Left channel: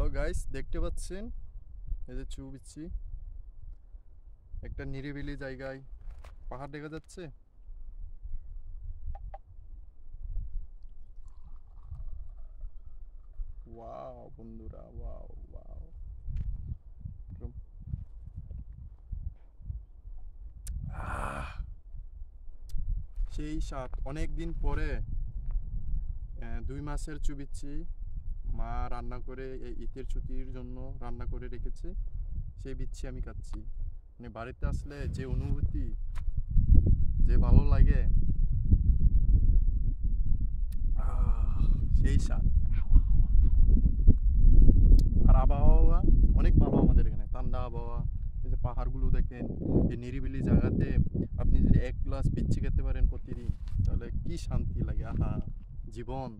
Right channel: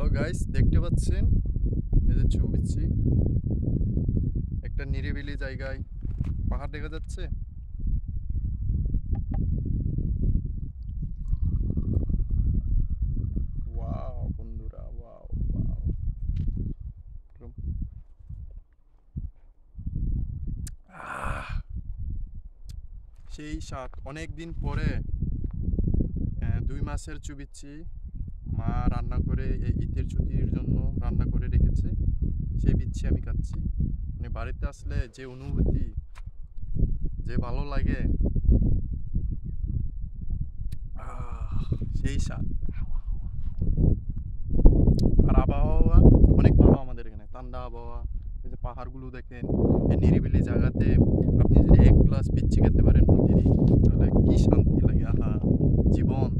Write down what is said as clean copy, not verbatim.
Hello guys, দেখতে পাচ্ছেন এই যে ছবিচ্ছি একটা নিরিবিলি জায়গায় পাহাড় দেখা যাচ্ছে। ওয়াও বন্ধুরা, ওয়াও ওয়াও। আহ সেই স্বাদ অনেক দিন পরে। 2 মাসের চুবিচ্ছি মা রান্না করে এই ঈদের ছুটির জন্য রান্না করে রেখেছে। সেই বিচ্ছি আমি খাচ্ছি। মানে বাড়িতে আসলে যে অনুভূতি, যে ভালো লাগে, আহ সেই স্বাদ। আর আবহাওয়া অনেক ভালো আমাদের এখানে, ঠান্ডা আবহাওয়া। এই যে পাহাড়গুলো দেখেন, এই নিরিবিলি জায়গাতে আপনি যদি এক গ্লাস বিচ্ছি খেতে পারেন প্রতিদিন, তাহলে কি শান্তি লাগে! আহা, জীবন।